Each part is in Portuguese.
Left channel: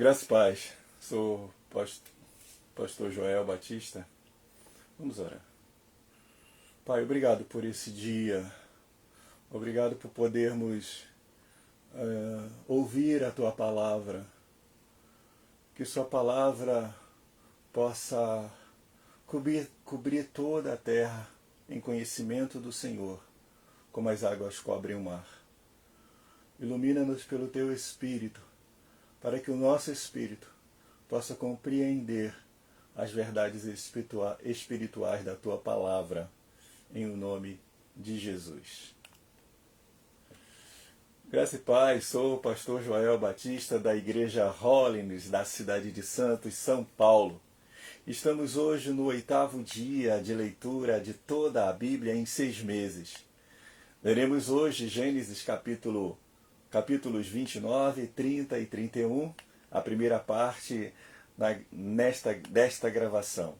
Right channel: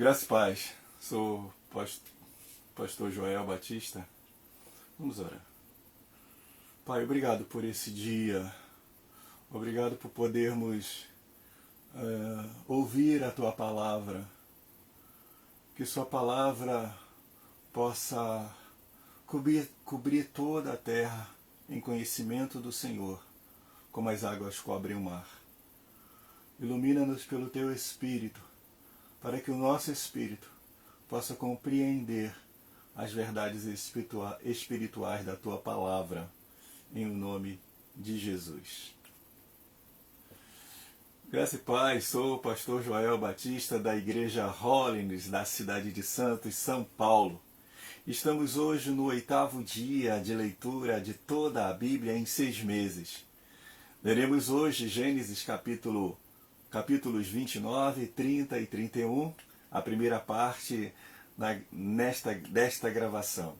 Graça e paz. Sou pastor Joel Batista. Vamos orar. Pai, obrigado por esse dia. Obrigado por podermos ouvir a Tua palavra. Que Sua palavra possa cobrir toda a terra em conhecimento do Senhor, como as águas cobrem o mar. Ilumina-nos pelo Teu Espírito, para que o nosso espírito possa compreender as verdades espirituais da Tua palavra, em o nome de Jesus. Graça e paz, sou o pastor Joel Batista da Igreja Holiness, da cidade de Santos, São Paulo. Estamos hoje no 8º dia de leitura de toda a Bíblia em 6 meses. Leremos hoje Gênesis capítulos 29, 30 e 31, a primeira parte desta gravação.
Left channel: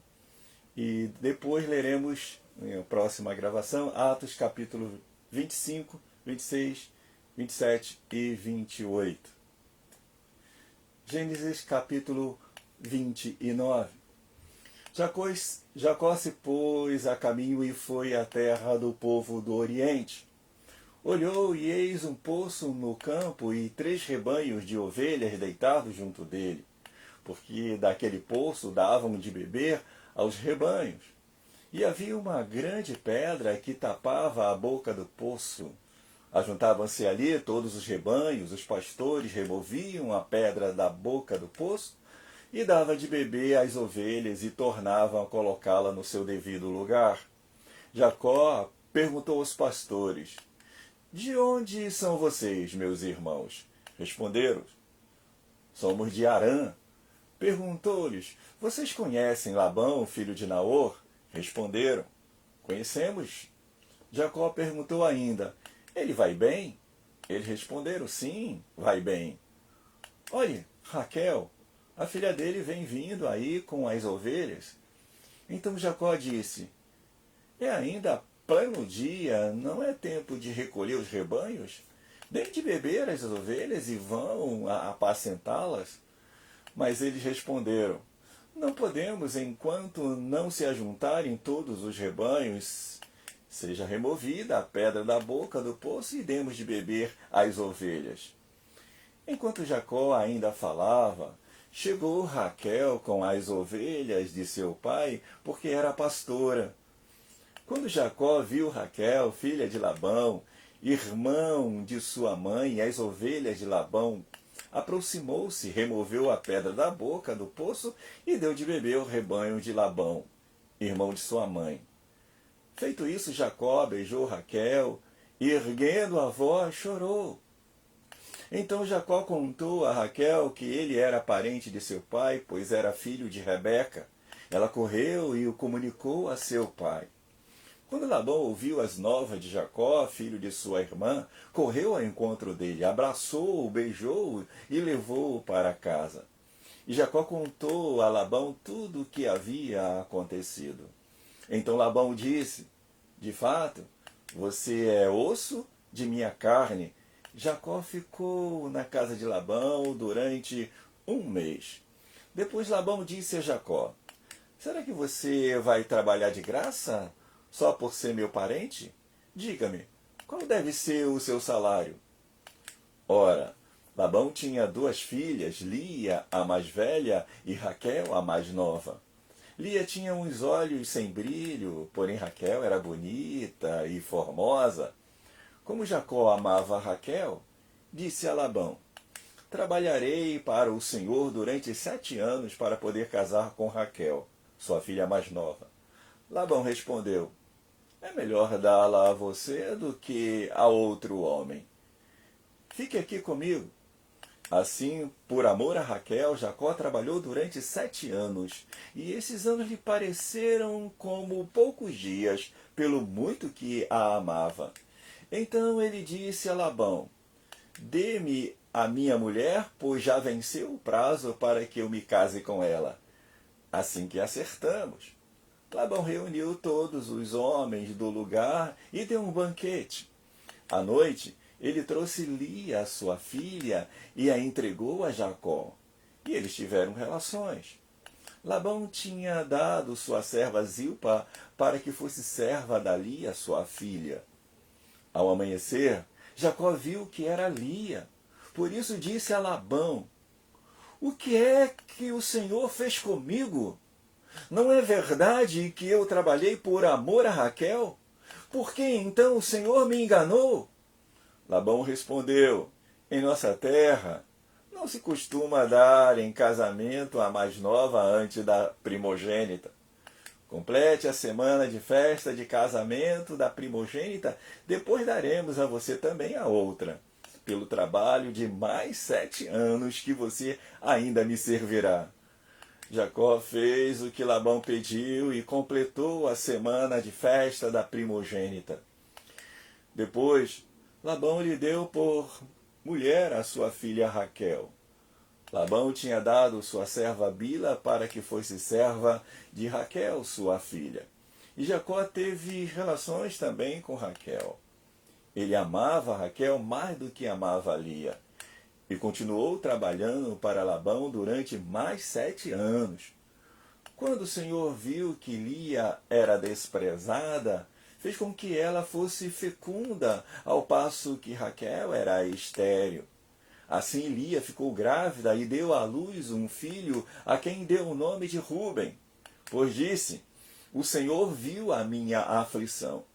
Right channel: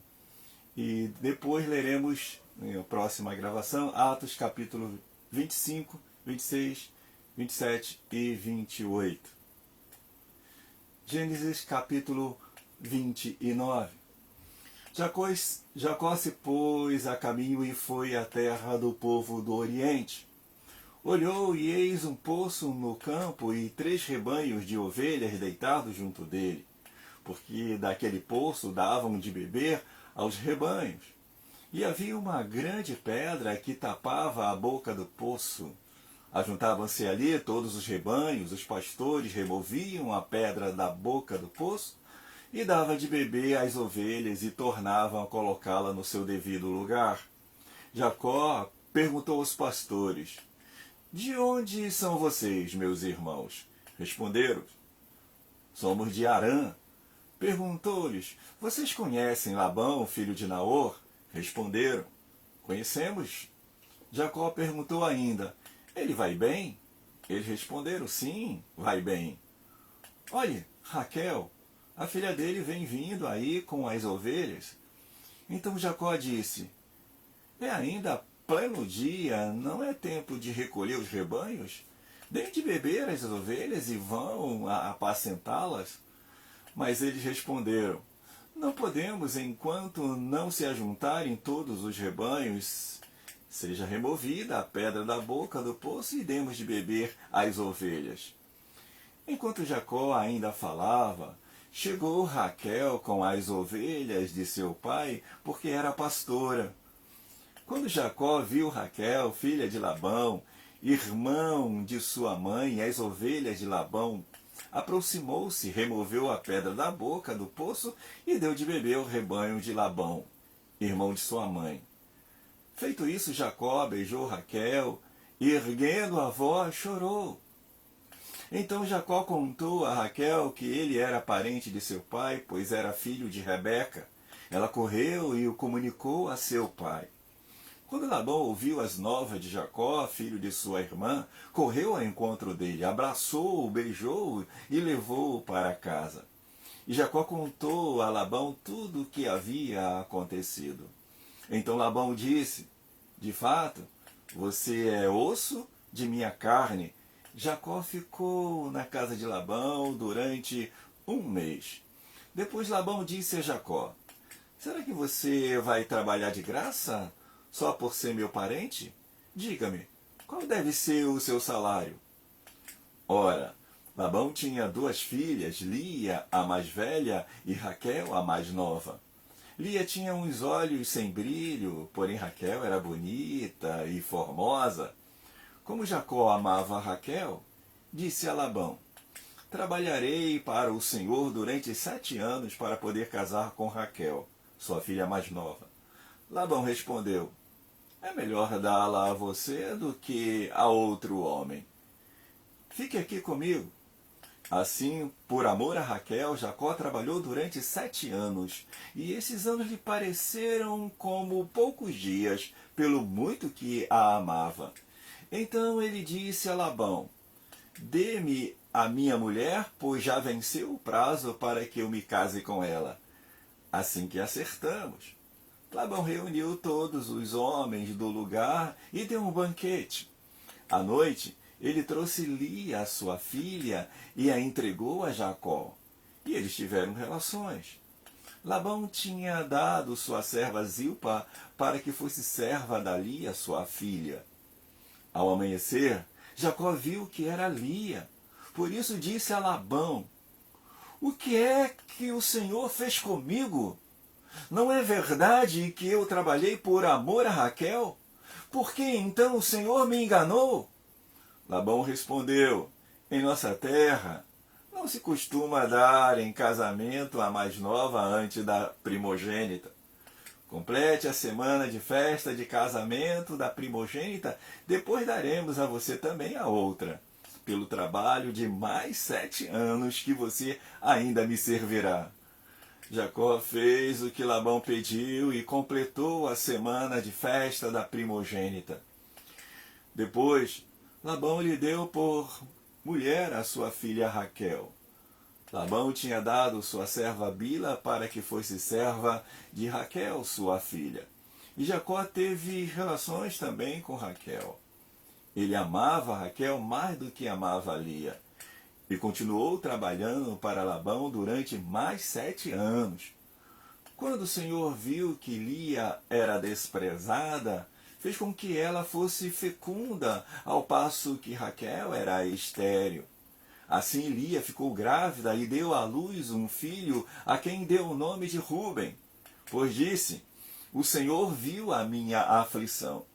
E depois leremos, na próxima gravação, Atos capítulo 25, 26, 27 e 28. Gênesis capítulo 29. Jacó se pôs a caminho e foi à terra do povo do Oriente. Olhou e eis um poço no campo e 3 rebanhos de ovelhas deitados junto dele, porque daquele poço davam de beber aos rebanhos. E havia uma grande pedra que tapava a boca do poço. Ajuntavam-se ali todos os rebanhos, os pastores removiam a pedra da boca do poço e davam de beber às ovelhas e tornavam a colocá-la no seu devido lugar. Jacó perguntou aos pastores: "De onde são vocês, meus irmãos?" Responderam: "Somos de Harã." Perguntou-lhes: "Vocês conhecem Labão, filho de Naor?" Responderam: "Conhecemos." Jacó perguntou ainda: "Ele vai bem?" Eles responderam: "Sim, vai bem." "Olhe, Raquel, a filha dele vem vindo aí com as ovelhas." Então Jacó disse: "É ainda pleno dia, não é tempo de recolher os rebanhos? Deem de beber as ovelhas e vão apacentá-las." Mas eles responderam: "Não podemos enquanto não se ajuntarem todos os rebanhos. Seja removida a pedra da boca do poço e demos de beber às ovelhas." Enquanto Jacó ainda falava, chegou Raquel com as ovelhas de seu pai, porque era pastora. Quando Jacó viu Raquel, filha de Labão, irmão de sua mãe, e as ovelhas de Labão, aproximou-se, removeu a pedra da boca do poço e deu de beber ao rebanho de Labão, irmão de sua mãe. Feito isso, Jacó beijou Raquel e, erguendo a voz, chorou. Então Jacó contou a Raquel que ele era parente de seu pai, pois era filho de Rebeca. Ela correu e o comunicou a seu pai. Quando Labão ouviu as novas de Jacó, filho de sua irmã, correu ao encontro dele, abraçou-o, beijou-o e levou-o para casa. E Jacó contou a Labão tudo o que havia acontecido. Então Labão disse: "De fato, você é osso de minha carne." Jacó ficou na casa de Labão durante 1 mês. Depois Labão disse a Jacó: "Será que você vai trabalhar de graça só por ser meu parente? Diga-me, qual deve ser o seu salário?" Ora, Labão tinha 2 filhas, Lia, a mais velha, e Raquel, a mais nova. Lia tinha uns olhos sem brilho, porém Raquel era bonita e formosa. Como Jacó amava Raquel, disse a Labão: "Trabalharei para o Senhor durante 7 anos para poder casar com Raquel, sua filha mais nova." Labão respondeu: "É melhor dá-la a você do que a outro homem. Fique aqui comigo." Assim, por amor a Raquel, Jacó trabalhou durante 7 anos, e esses anos lhe pareceram como poucos dias, pelo muito que a amava. Então ele disse a Labão: "Dê-me a minha mulher, pois já venceu o prazo para que eu me case com ela." Assim que acertamos. Labão reuniu todos os homens do lugar e deu um banquete. À noite, ele trouxe Lia, sua filha, e a entregou a Jacó. E eles tiveram relações. Labão tinha dado sua serva Zilpa para que fosse serva da Lia, sua filha. Ao amanhecer, Jacó viu que era Lia. Por isso disse a Labão: o que é que o Senhor fez comigo? Não é verdade que eu trabalhei por amor a Raquel? Por que então o Senhor me enganou? Labão respondeu: em nossa terra não se costuma dar em casamento a mais nova antes da primogênita. Complete a semana de festa de casamento da primogênita, depois daremos a você também a outra, pelo trabalho de mais 7 anos que você ainda me servirá. Jacó fez o que Labão pediu e completou a semana de festa da primogênita. Depois, Labão lhe deu por mulher a sua filha Raquel. Labão tinha dado sua serva Bila para que fosse serva de Raquel, sua filha. E Jacó teve relações também com Raquel. Ele amava Raquel mais do que amava Lia. E continuou trabalhando para Labão durante mais 7 anos. Quando o Senhor viu que Lia era desprezada, fez com que ela fosse fecunda, ao passo que Raquel era estéril. Assim Lia ficou grávida e deu à luz um filho, a quem deu o nome de Ruben, pois disse: o Senhor viu a minha aflição.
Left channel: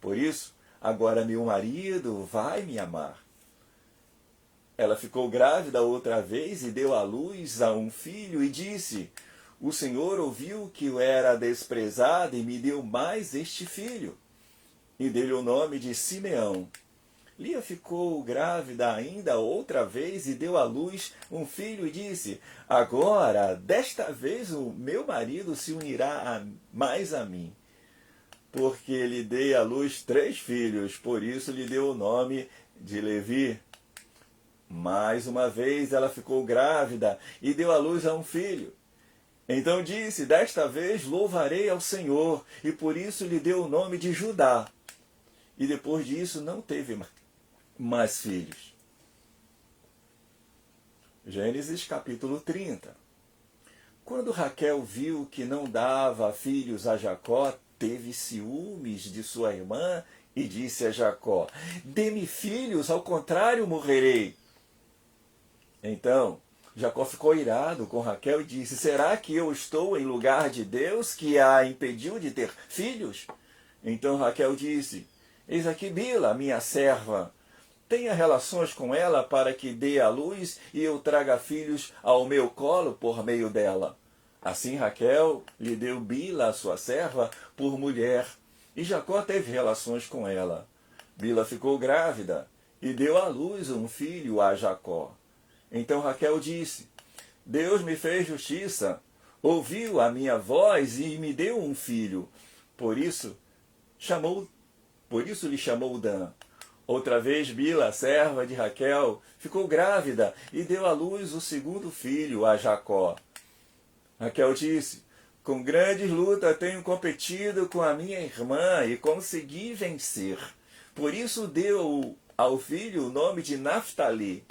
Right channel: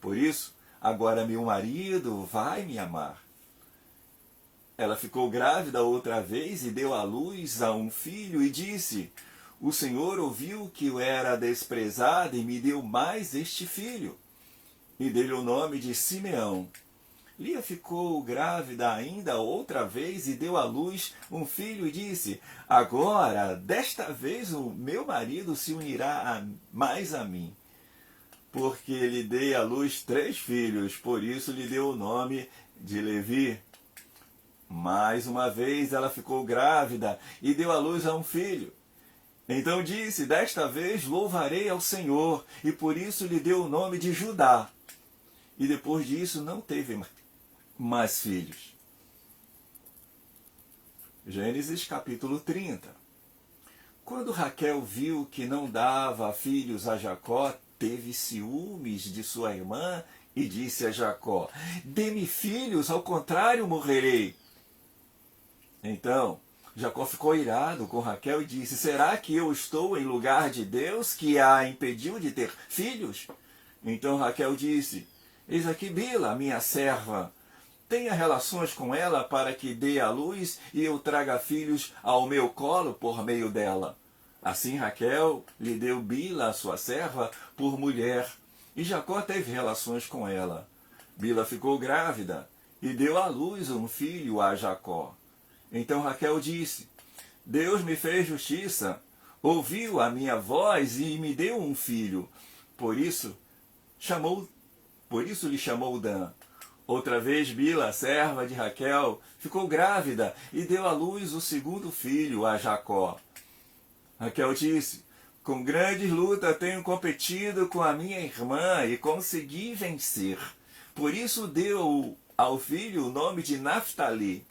Por isso, agora meu marido vai me amar. Ela ficou grávida outra vez e deu à luz a um filho e disse: o Senhor ouviu que eu era desprezada e me deu mais este filho. E deu-lhe o nome de Simeão. Lia ficou grávida ainda outra vez e deu à luz um filho e disse: agora, desta vez, o meu marido se unirá mais a mim. Porque lhe dei à luz 3 filhos, por isso lhe deu o nome de Levi. Mais uma vez ela ficou grávida e deu à luz a um filho. Então disse: desta vez louvarei ao Senhor, e por isso lhe deu o nome de Judá. E depois disso não teve mais filhos. Gênesis capítulo 30. Quando Raquel viu que não dava filhos a Jacó, teve ciúmes de sua irmã e disse a Jacó: dê-me filhos, ao contrário morrerei. Então Jacó ficou irado com Raquel e disse: será que eu estou em lugar de Deus, que a impediu de ter filhos? Então Raquel disse: eis aqui Bila, minha serva. Tenha relações com ela para que dê à luz e eu traga filhos ao meu colo por meio dela. Assim Raquel lhe deu Bila, sua serva, por mulher, e Jacó teve relações com ela. Bila ficou grávida e deu à luz um filho a Jacó. Então Raquel disse: Deus me fez justiça, ouviu a minha voz e me deu um filho. Por isso lhe chamou Dan. Outra vez Bila, serva de Raquel, ficou grávida e deu à luz o segundo filho a Jacó. Raquel disse: com grandes lutas tenho competido com a minha irmã e consegui vencer. Por isso deu ao filho o nome de Naftali.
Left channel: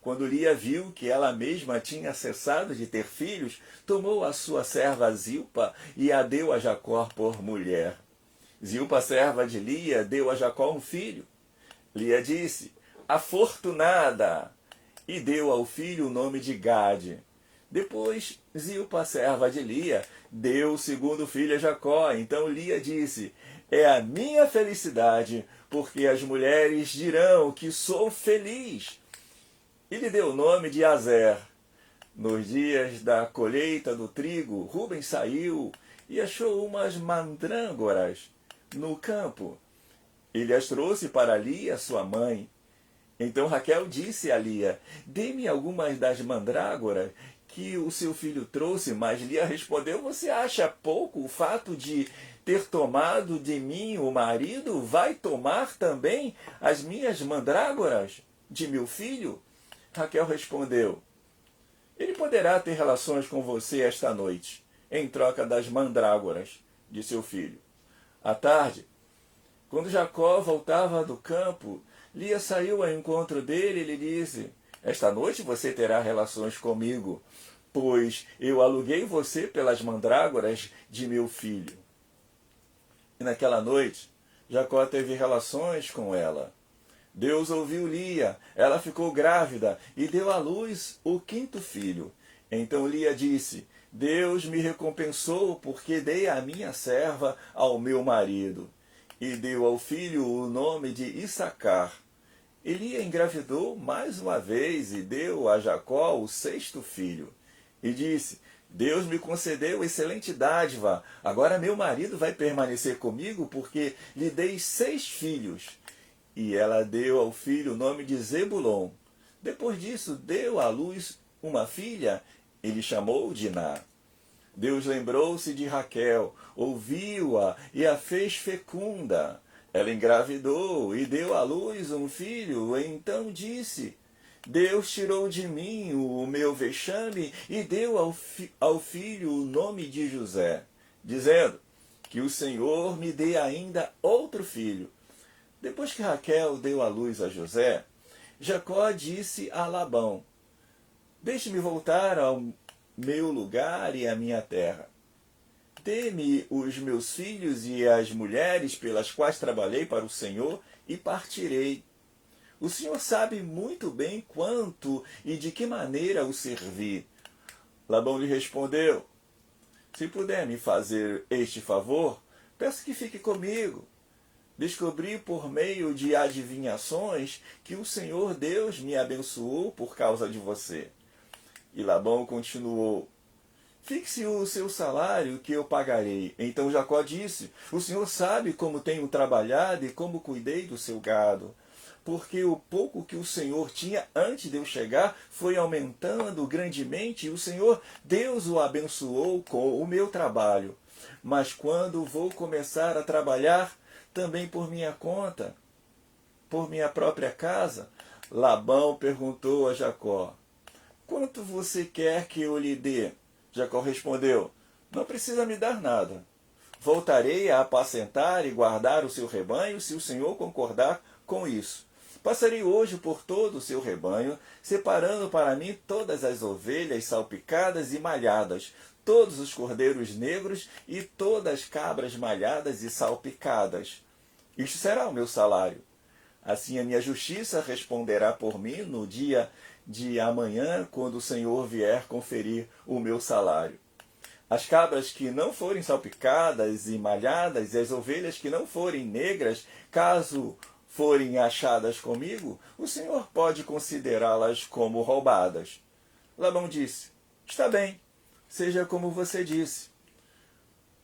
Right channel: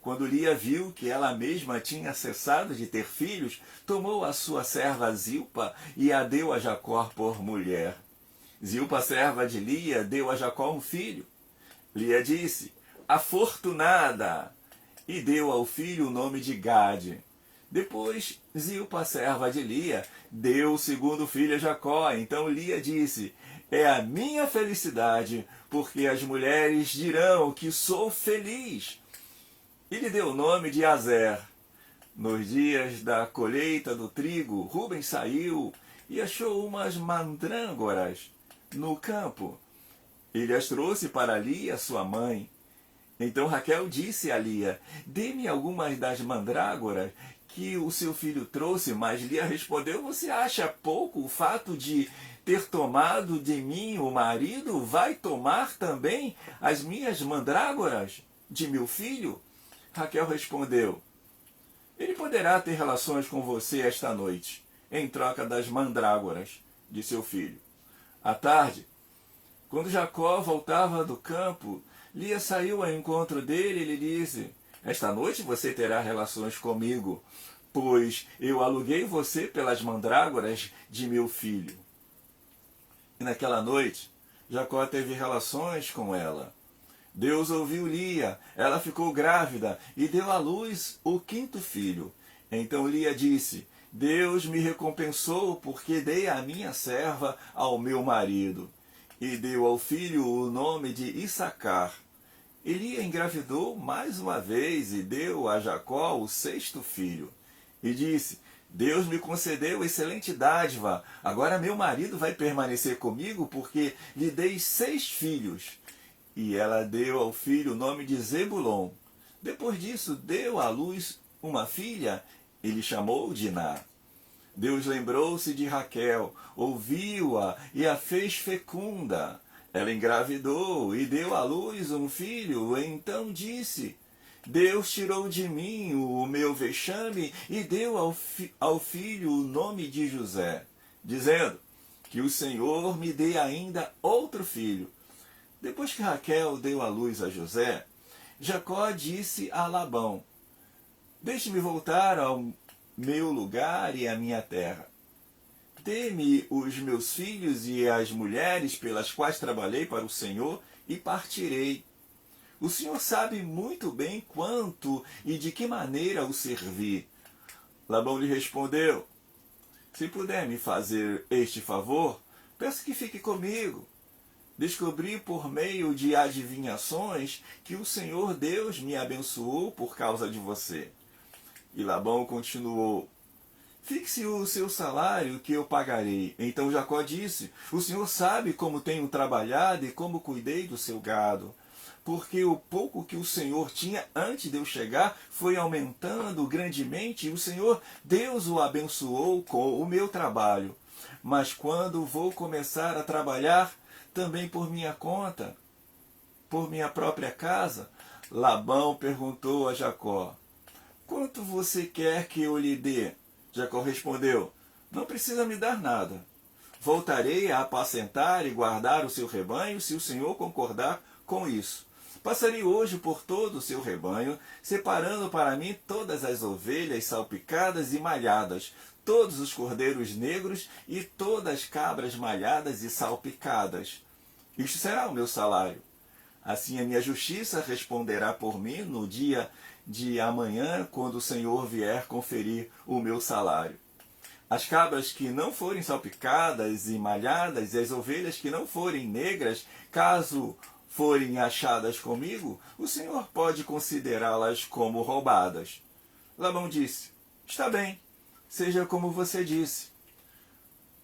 Quando Lia viu que ela mesma tinha cessado de ter filhos, tomou a sua serva Zilpa e a deu a Jacó por mulher. Zilpa, serva de Lia, deu a Jacó um filho. Lia disse: afortunada, e deu ao filho o nome de Gade. Depois, Zilpa, serva de Lia, deu o segundo filho a Jacó. Então Lia disse: é a minha felicidade, porque as mulheres dirão que sou feliz. E lhe deu o nome de Azer. Nos dias da colheita do trigo, Ruben saiu e achou umas mandrângoras no campo. Ele as trouxe para Lia, sua mãe. Então Raquel disse a Lia: dê-me algumas das mandrágoras que o seu filho trouxe. Mas Lia respondeu: você acha pouco o fato de ter tomado de mim o marido? Vai tomar também as minhas mandrágoras de meu filho? Raquel respondeu: ele poderá ter relações com você esta noite, em troca das mandrágoras de seu filho. À tarde, quando Jacó voltava do campo, Lia saiu ao encontro dele e lhe disse: Esta noite você terá relações comigo, pois eu aluguei você pelas mandrágoras de meu filho. E naquela noite, Jacó teve relações com ela. Deus ouviu Lia, ela ficou grávida e deu à luz o quinto filho. Então Lia disse: Deus me recompensou porque dei a minha serva ao meu marido. E deu ao filho o nome de Issacar. E Lia engravidou mais uma vez e deu a Jacó o sexto filho. E disse: Deus me concedeu excelente dádiva. Agora meu marido vai permanecer comigo porque lhe dei 6 filhos. E ela deu ao filho o nome de Zebulon. Depois disso, deu à luz uma filha e lhe chamou Diná. Deus lembrou-se de Raquel, ouviu-a e a fez fecunda. Ela engravidou e deu à luz um filho, e então disse: Deus tirou de mim o meu vexame e deu ao filho o nome de José, dizendo: que o Senhor me dê ainda outro filho. Depois que Raquel deu à luz a José, Jacó disse a Labão: Deixe-me voltar ao meu lugar e à minha terra. Dê-me os meus filhos e as mulheres pelas quais trabalhei para o Senhor e partirei. O Senhor sabe muito bem quanto e de que maneira o servi. Labão lhe respondeu: Se puder me fazer este favor, peço que fique comigo. Descobri por meio de adivinhações que o Senhor Deus me abençoou por causa de você. E Labão continuou: Fixe o seu salário que eu pagarei. Então Jacó disse: O Senhor sabe como tenho trabalhado e como cuidei do seu gado. Porque o pouco que o Senhor tinha antes de eu chegar foi aumentando grandemente, e o Senhor Deus o abençoou com o meu trabalho. Mas quando vou começar a trabalhar, também por minha conta, por minha própria casa, Labão perguntou a Jacó: Quanto você quer que eu lhe dê? Jacó respondeu: Não precisa me dar nada. Voltarei a apacentar e guardar o seu rebanho, se o Senhor concordar com isso. Passarei hoje por todo o seu rebanho, separando para mim todas as ovelhas salpicadas e malhadas, todos os cordeiros negros e todas as cabras malhadas e salpicadas. Isto será o meu salário. Assim a minha justiça responderá por mim no dia de amanhã, quando o Senhor vier conferir o meu salário. As cabras que não forem salpicadas e malhadas, e as ovelhas que não forem negras, caso forem achadas comigo, o Senhor pode considerá-las como roubadas. Labão disse: Está bem, seja como você disse.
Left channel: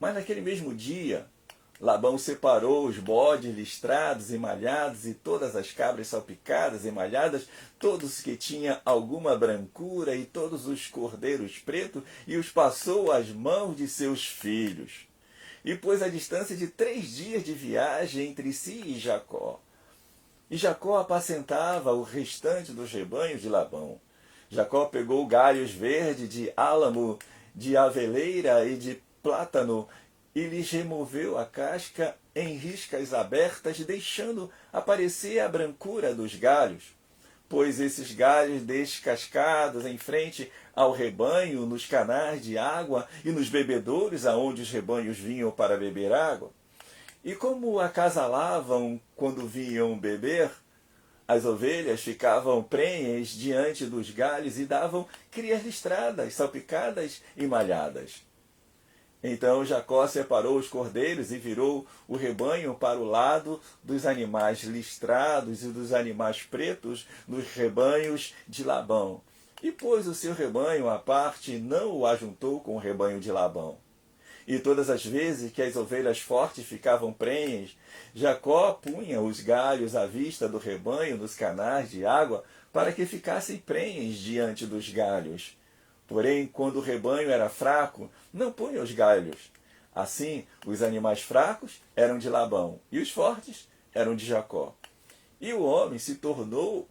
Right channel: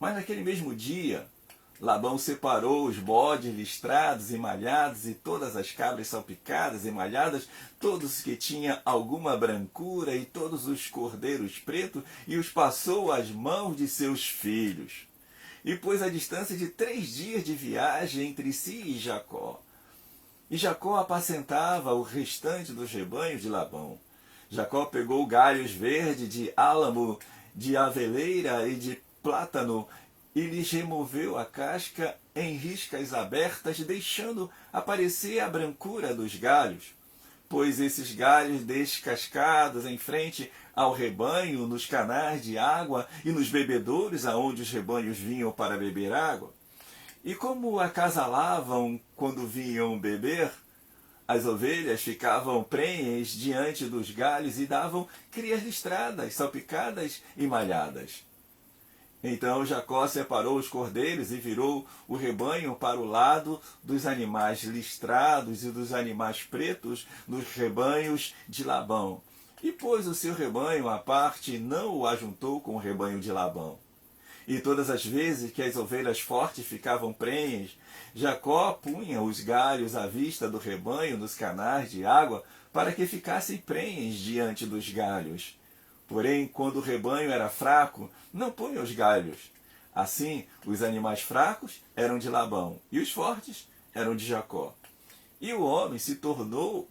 Mas naquele mesmo dia, Labão separou os bodes listrados e malhados e todas as cabras salpicadas e malhadas, todos que tinham alguma brancura e todos os cordeiros pretos, e os passou às mãos de seus filhos. E pôs a distância de 3 dias de viagem entre si e Jacó. E Jacó apacentava o restante dos rebanhos de Labão. Jacó pegou galhos verdes de álamo, de aveleira e de plátano, e lhes removeu a casca em riscas abertas, deixando aparecer a brancura dos galhos. Pôs esses galhos descascados em frente ao rebanho, nos canais de água e nos bebedouros aonde os rebanhos vinham para beber água. E como acasalavam quando vinham beber, as ovelhas ficavam prenhes diante dos galhos e davam crias listradas, salpicadas e malhadas. Então Jacó separou os cordeiros e virou o rebanho para o lado dos animais listrados e dos animais pretos nos rebanhos de Labão. E pôs o seu rebanho à parte e não o ajuntou com o rebanho de Labão. E todas as vezes que as ovelhas fortes ficavam prenhes, Jacó punha os galhos à vista do rebanho nos canais de água para que ficassem prenhes diante dos galhos. Porém, quando o rebanho era fraco, não punha os galhos. Assim, os animais fracos eram de Labão e os fortes eram de Jacó. E o homem se tornou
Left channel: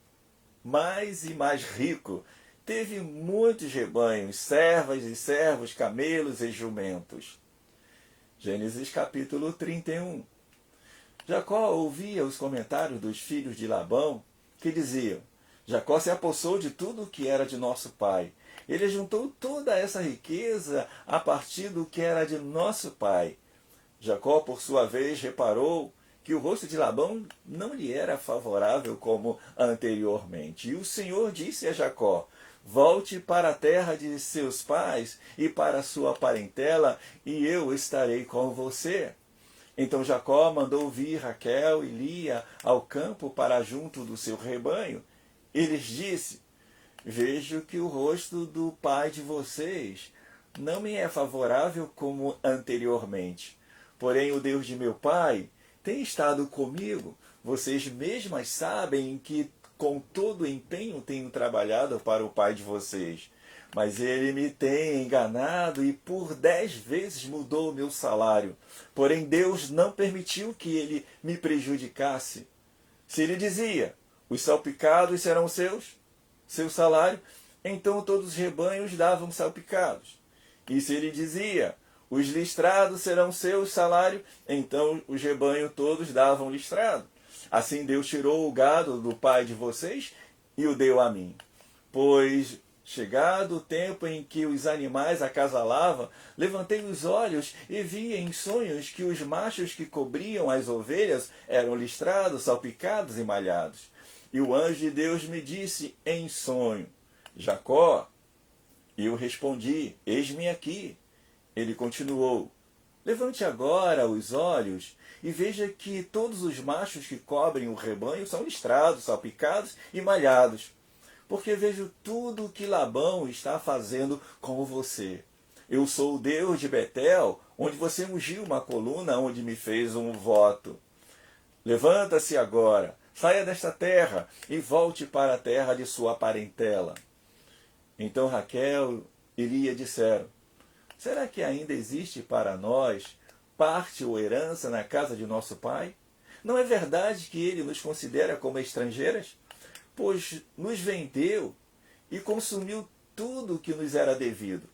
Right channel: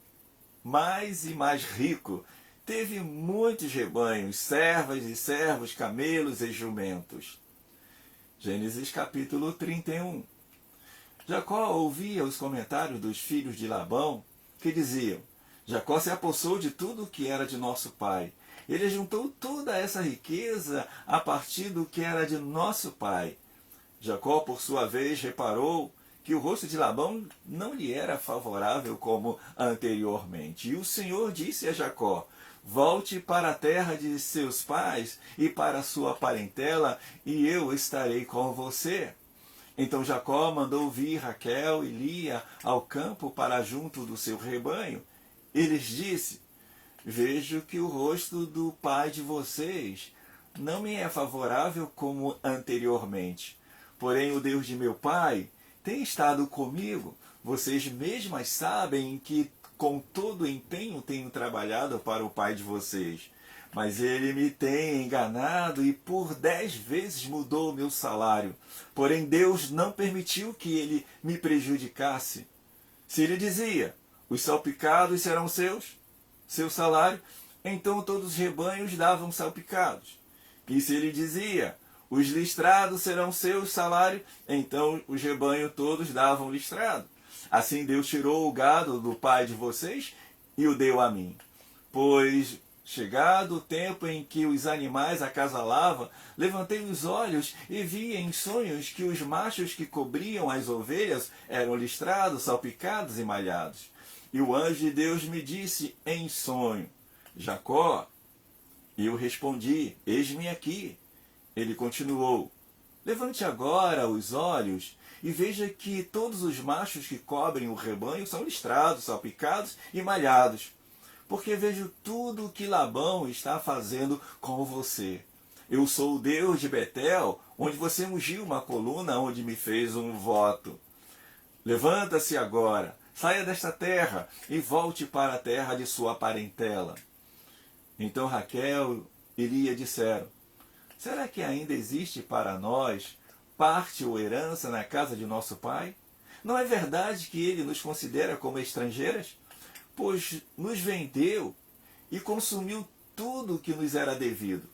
mais e mais rico. Teve muitos rebanhos, servas e servos, camelos e jumentos. Gênesis capítulo 31. Jacó ouvia os comentários dos filhos de Labão, que diziam: Jacó se apossou de tudo o que era de nosso pai. Ele juntou toda essa riqueza a partir do que era de nosso pai. Jacó, por sua vez, reparou que o rosto de Labão não lhe era favorável como anteriormente. E o Senhor disse a Jacó: volte para a terra de seus pais e para a sua parentela, e eu estarei com você. Então Jacó mandou vir Raquel e Lia ao campo para junto do seu rebanho. E lhes disse: vejo que o rosto do pai de vocês não me é favorável como anteriormente. Porém, o Deus de meu pai tem estado comigo. Vocês mesmas sabem que com todo empenho tenho trabalhado para o pai de vocês. Mas ele me tem enganado e por 10 vezes mudou o meu salário. Porém, Deus não permitiu que ele me prejudicasse. Se ele dizia: os salpicados serão seu salário, então todos os rebanhos davam salpicados. E se ele dizia: os listrados serão seu salário, então os rebanhos todos davam listrado. Assim Deus tirou o gado do pai de vocês e o deu a mim. Pois, chegado o tempo em que os animais acasalavam, levantei os olhos e vi em sonhos que os machos que cobriam as ovelhas eram listrados, salpicados e malhados. E o anjo de Deus me disse em sonho: Jacó. E eu respondi: eis-me aqui. Ele continuou: levante agora os olhos e veja que todos os machos que cobrem o rebanho são listrados, salpicados e malhados. Porque vejo tudo o que Labão está fazendo com você. Eu sou o Deus de Betel, onde você ungiu uma coluna, onde me fez um voto. Levanta-se agora, saia desta terra e volte para a terra de sua parentela. Então Raquel e Lia disseram: será que ainda existe para nós parte ou herança na casa de nosso pai? Não é verdade que ele nos considera como estrangeiras? Pois nos vendeu e consumiu tudo o que nos era devido.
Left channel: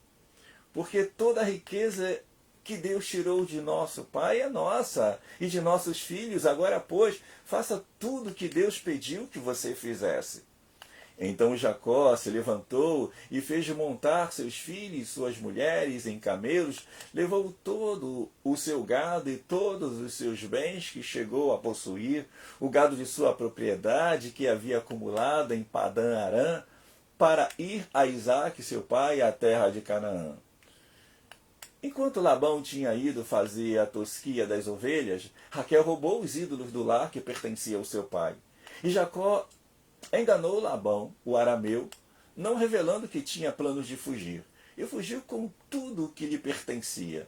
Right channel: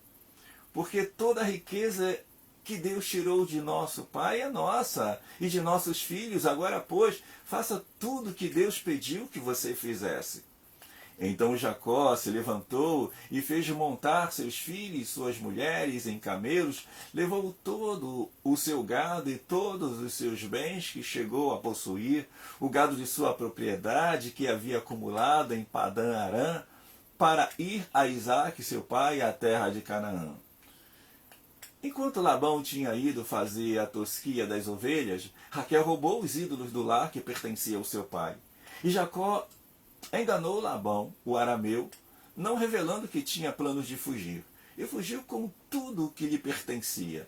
Porque toda a riqueza que Deus tirou de nosso pai é nossa e de nossos filhos. Agora, pois, faça tudo o que Deus pediu que você fizesse. Então Jacó se levantou e fez montar seus filhos e suas mulheres em camelos, levou todo o seu gado e todos os seus bens que chegou a possuir, o gado de sua propriedade que havia acumulado em Padã-Arã, para ir a Isaque, seu pai, à terra de Canaã. Enquanto Labão tinha ido fazer a tosquia das ovelhas, Raquel roubou os ídolos do lar que pertencia ao seu pai. E Jacó enganou Labão, o arameu, não revelando que tinha planos de fugir, e fugiu com tudo o que lhe pertencia.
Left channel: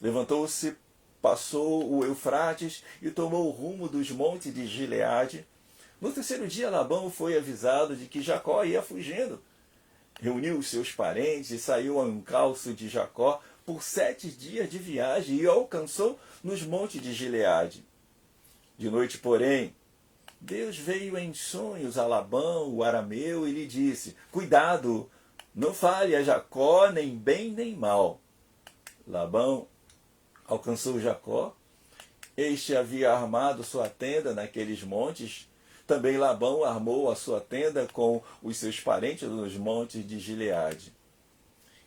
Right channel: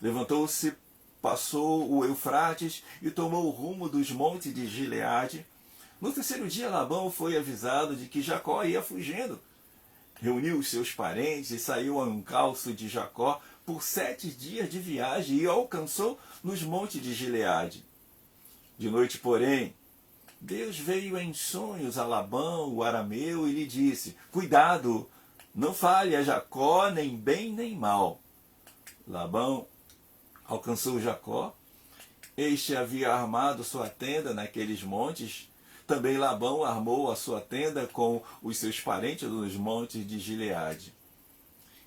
Levantou-se, passou o Eufrates e tomou o rumo dos montes de Gileade. No terceiro dia, Labão foi avisado de que Jacó ia fugindo. Reuniu os seus parentes e saiu ao encalço de Jacó por 7 dias de viagem e o alcançou nos montes de Gileade. De noite, porém, Deus veio em sonhos a Labão, o arameu, e lhe disse: cuidado, não fale a Jacó nem bem nem mal. Labão alcançou Jacó. Este havia armado sua tenda naqueles montes. Também Labão armou a sua tenda com os seus parentes nos montes de Gileade.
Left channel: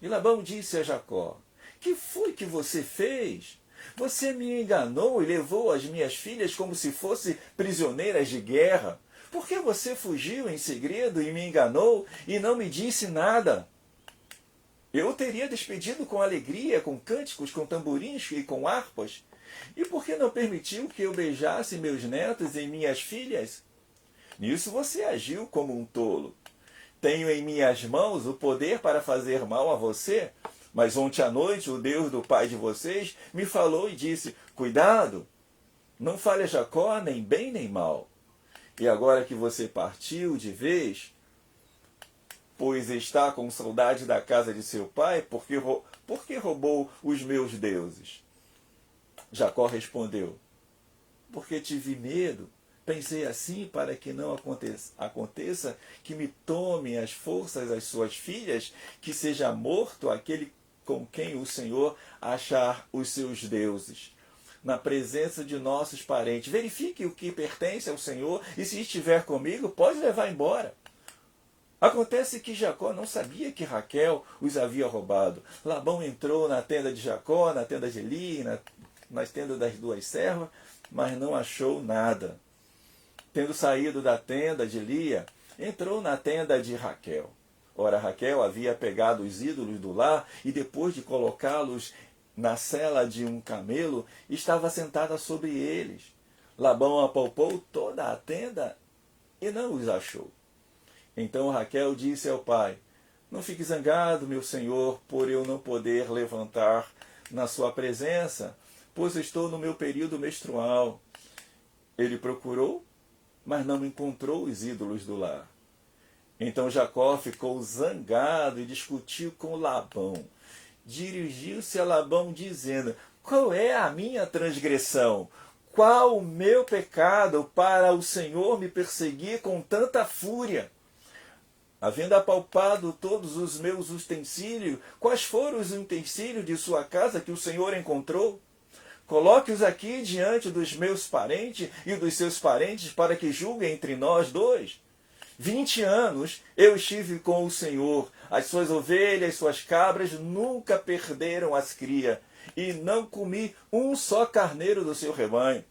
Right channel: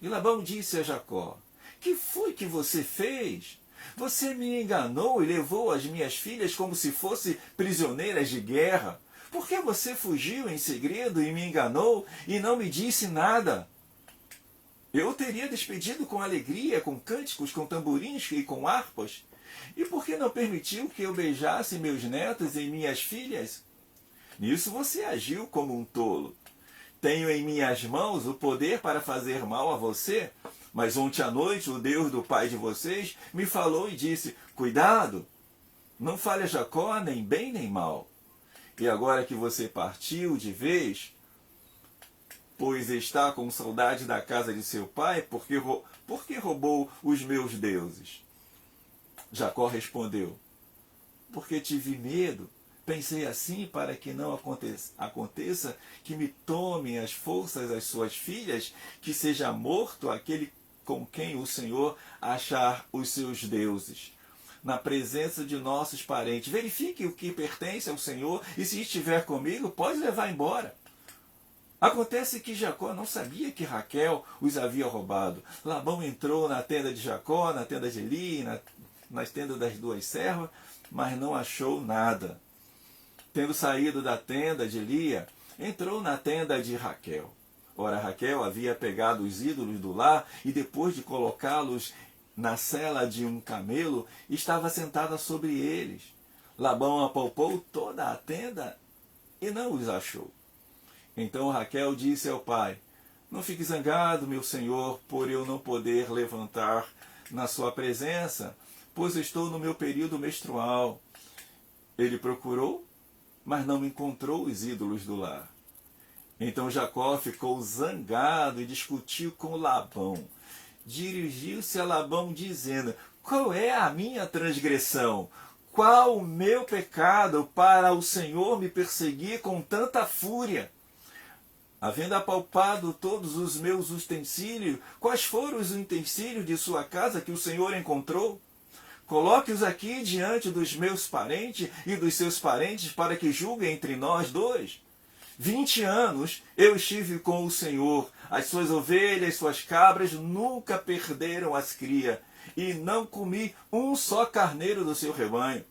E Labão disse a Jacó: que foi que você fez? Você me enganou e levou as minhas filhas como se fossem prisioneiras de guerra. Por que você fugiu em segredo e me enganou e não me disse nada? Eu o teria despedido com alegria, com cânticos, com tamborins e com harpas. E por que não permitiu que eu beijasse meus netos e minhas filhas? Nisso você agiu como um tolo. Tenho em minhas mãos o poder para fazer mal a você, mas ontem à noite o Deus do pai de vocês me falou e disse: cuidado, não fale a Jacó nem bem nem mal. E agora que você partiu de vez, pois está com saudade da casa de seu pai, porque roubou os meus deuses? Jacó respondeu: porque tive medo. Pensei assim para que não aconteça que me tomem as forças as suas filhas, que seja morto aquele com quem o Senhor achar os seus deuses. Na presença de nossos parentes, verifique o que pertence ao Senhor, e se estiver comigo, pode levar embora. Acontece que Jacó não sabia que Raquel os havia roubado. Labão entrou na tenda de Jacó, na tenda de Lia, nas tendas das duas servas, mas não achou nada. Tendo saído da tenda de Lia, entrou na tenda de Raquel. Ora, Raquel havia pegado os ídolos do lar e, depois de colocá-los na sela de um camelo, estava sentada sobre eles. Labão apalpou toda a tenda e não os achou. Então Raquel disse ao pai: não fique zangado, meu senhor, por eu não poder levantar na sua presença, pois estou no meu período menstrual. Ele procurou, mas não encontrou os ídolos do lar. Então Jacó ficou zangado e discutiu com Labão. Dirigiu-se a Labão dizendo: qual é a minha transgressão? Qual o meu pecado para o Senhor me perseguir com tanta fúria? Havendo apalpado todos os meus utensílios, quais foram os utensílios de sua casa que o Senhor encontrou? Coloque-os aqui diante dos meus parentes e dos seus parentes, para que julguem entre nós dois. 20 anos eu estive com o Senhor, as suas ovelhas, suas cabras nunca perderam as crias, e não comi um só carneiro do seu rebanho.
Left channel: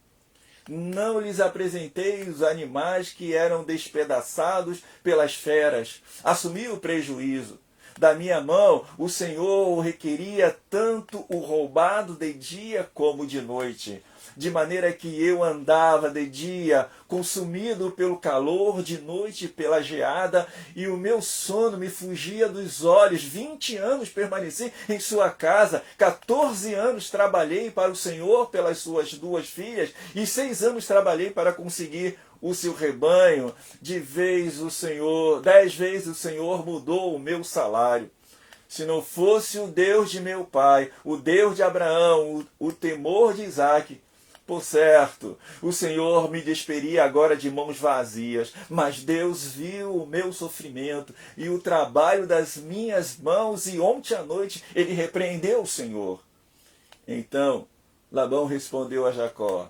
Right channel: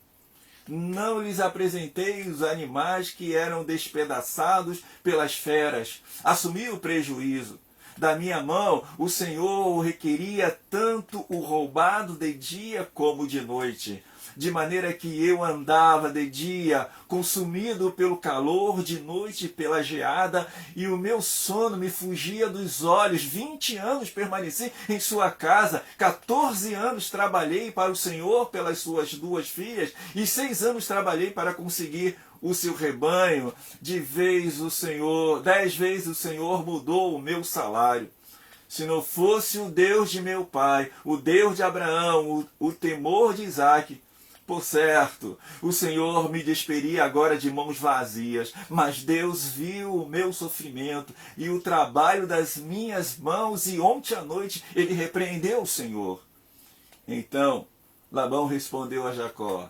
Não lhes apresentei os animais que eram despedaçados pelas feras. Assumi o prejuízo. Da minha mão, o Senhor requeria tanto o roubado de dia como de noite, de maneira que eu andava de dia, consumido pelo calor, de noite pela geada, e o meu sono me fugia dos olhos. 20 anos permaneci em sua casa, 14 anos trabalhei para o Senhor pelas suas 2 filhas, e 6 anos trabalhei para conseguir o seu rebanho. 10 vezes o Senhor mudou o meu salário. Se não fosse o Deus de meu pai, o Deus de Abraão, o temor de Isaque, por certo, o Senhor me despedia agora de mãos vazias, mas Deus viu o meu sofrimento e o trabalho das minhas mãos, e ontem à noite ele repreendeu o Senhor. Então Labão respondeu a Jacó:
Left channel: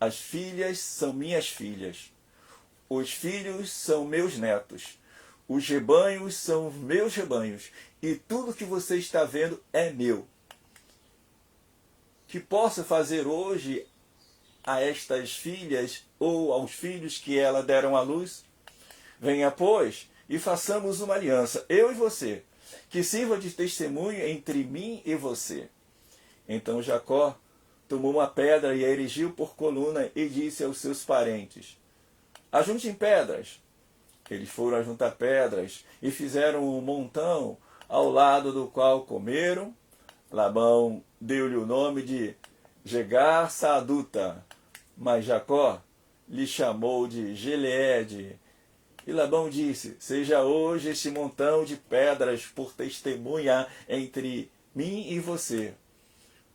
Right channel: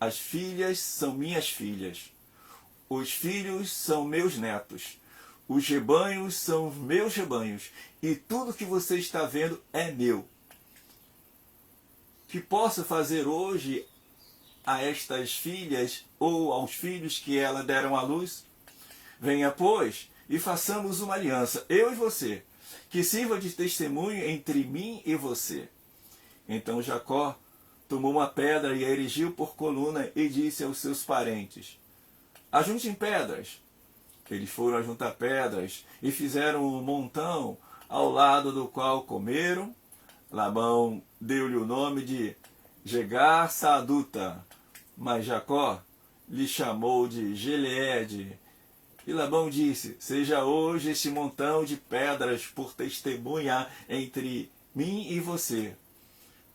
as filhas são minhas filhas, os filhos são meus netos, os rebanhos são meus rebanhos, e tudo que você está vendo é meu. Que possa fazer hoje a estas filhas ou aos filhos que ela deram à luz? Venha, pois, e façamos uma aliança, eu e você, que sirva de testemunho entre mim e você. Então Jacó tomou uma pedra e a erigiu por coluna e disse aos seus parentes: ajuntem pedras. Eles foram ajuntar pedras e fizeram um montão, ao lado do qual comeram. Labão deu-lhe o nome de Jegar-Saaduta, mas Jacó lhe chamou de Gileade. E Labão disse: seja hoje este montão de pedras por testemunha entre mim e você.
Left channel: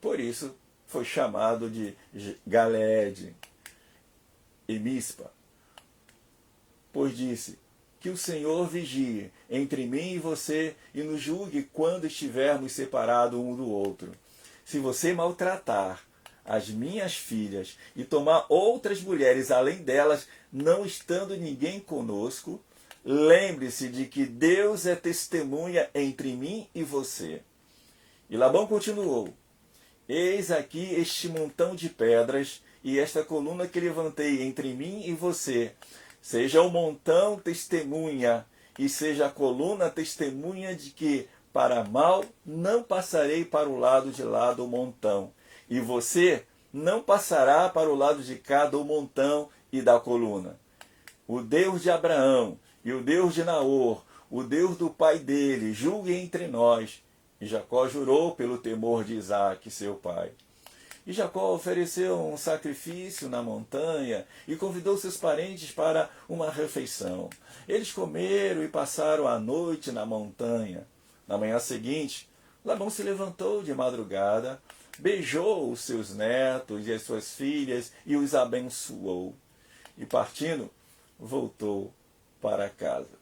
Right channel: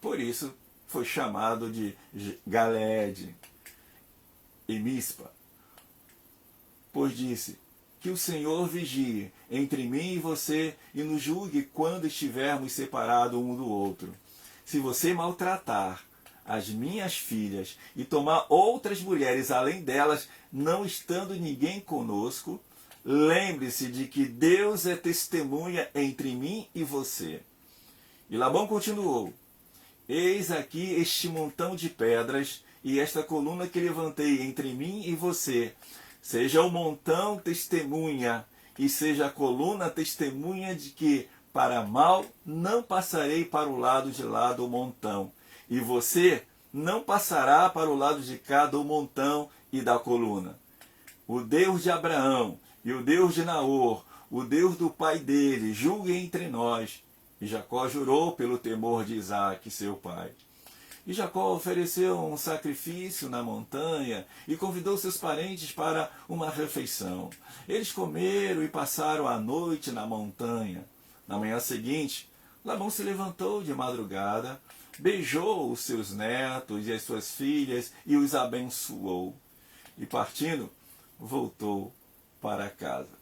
Por isso foi chamado de Galeade e Mispa, pois disse: que o Senhor vigie entre mim e você e nos julgue quando estivermos separados um do outro. Se você maltratar as minhas filhas e tomar outras mulheres além delas, não estando ninguém conosco, lembre-se de que Deus é testemunha entre mim e você. E Labão continuou: eis aqui este montão de pedras e esta coluna que levantei entre mim e você. Seja o montão testemunha e seja a coluna testemunha de que, para mal, não passarei para o lado de lá do montão, e você não passará para o lado de cá do montão e da coluna. O Deus de Abraão e o Deus de Naor, o Deus do pai dele, julgue entre nós. E Jacó jurou pelo temor de Isaque, seu pai. E Jacó ofereceu um sacrifício na montanha e convidou seus parentes para uma refeição. Eles comeram e passaram a noite na montanha. Na manhã seguinte, Labão se levantou de madrugada, beijou os seus netos e as suas filhas e os abençoou. E partindo, voltou para casa.